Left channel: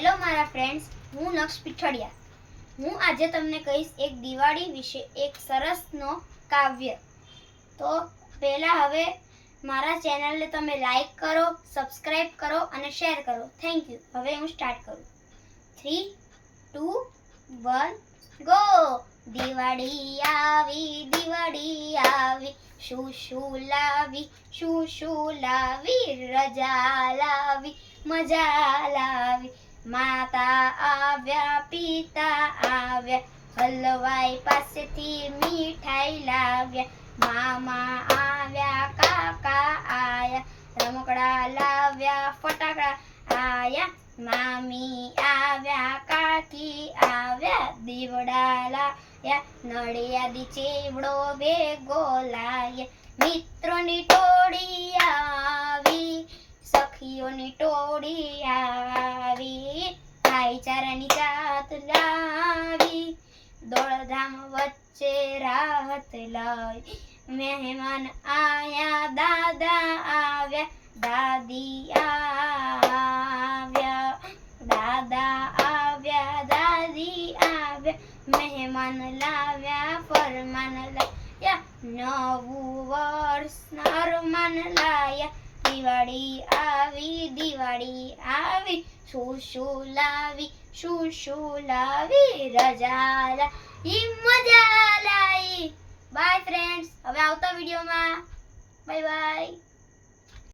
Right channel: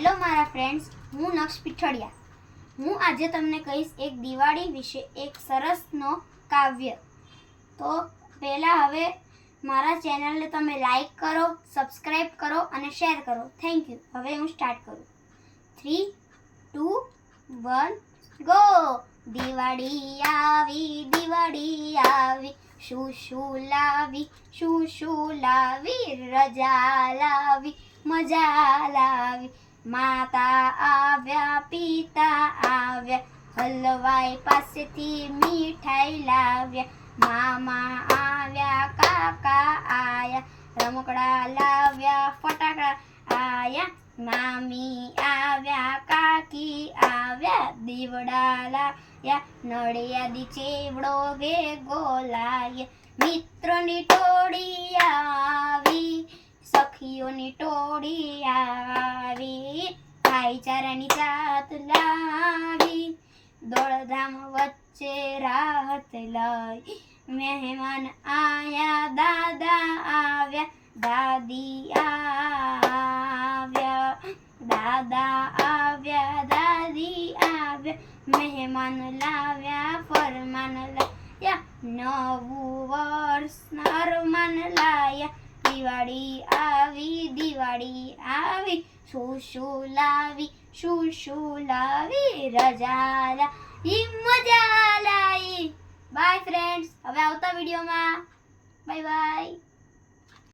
Hello મારા friends, હું નક્ષ પીઠડિયા. હું આજે તમને કહીશ એક દિવાળી વિશે એક સરસનો કાવ્ય. તો પહેલાં હવે મારા ચેનલને તમે લાઈક કરો, સબસ્ક્રાઈબ કરો અને શેર કરો. Thank you. હવે હું સ્ટાર્ટ કરું. 3, 2, 1 ગો. દિવાળી આવી, શું લાવી, રજા લાવી, મજા લાવી. માતા આવ્યા, પિતા આવ્યા, હલવાઈ પાસેથી મીઠાઈ લાવ્યા. મામા આવ્યા, કાકા આયા, રમકડા લાવ્યા, ફટાકડા આયા. મામી આવ્યા, કાકી આવ્યા, દીવડા લાવ્યા, નડિયાદી ચેવડો ભેગો લાવ્યા. મિત્રોની ટોળી આવી, સખીઓની ટોળી આવી, ભાઈચારાની જાત લાવી, દોડધામ વચ્ચે રાહત લાવી. મહેમાન આયા, દાદા આવ્યા, દાદી આવ્યા, દાદી આવ્યા. મહેમાન લાવ્યા, ફરમાન લાવ્યા, નવું વર્ષ અરમાન લાયા. દિવાળી આવી, શું લાવી, રજા લાવી, મજા લાવી. By friends. હવે આવતા વિડીયોમાં બાય બાય.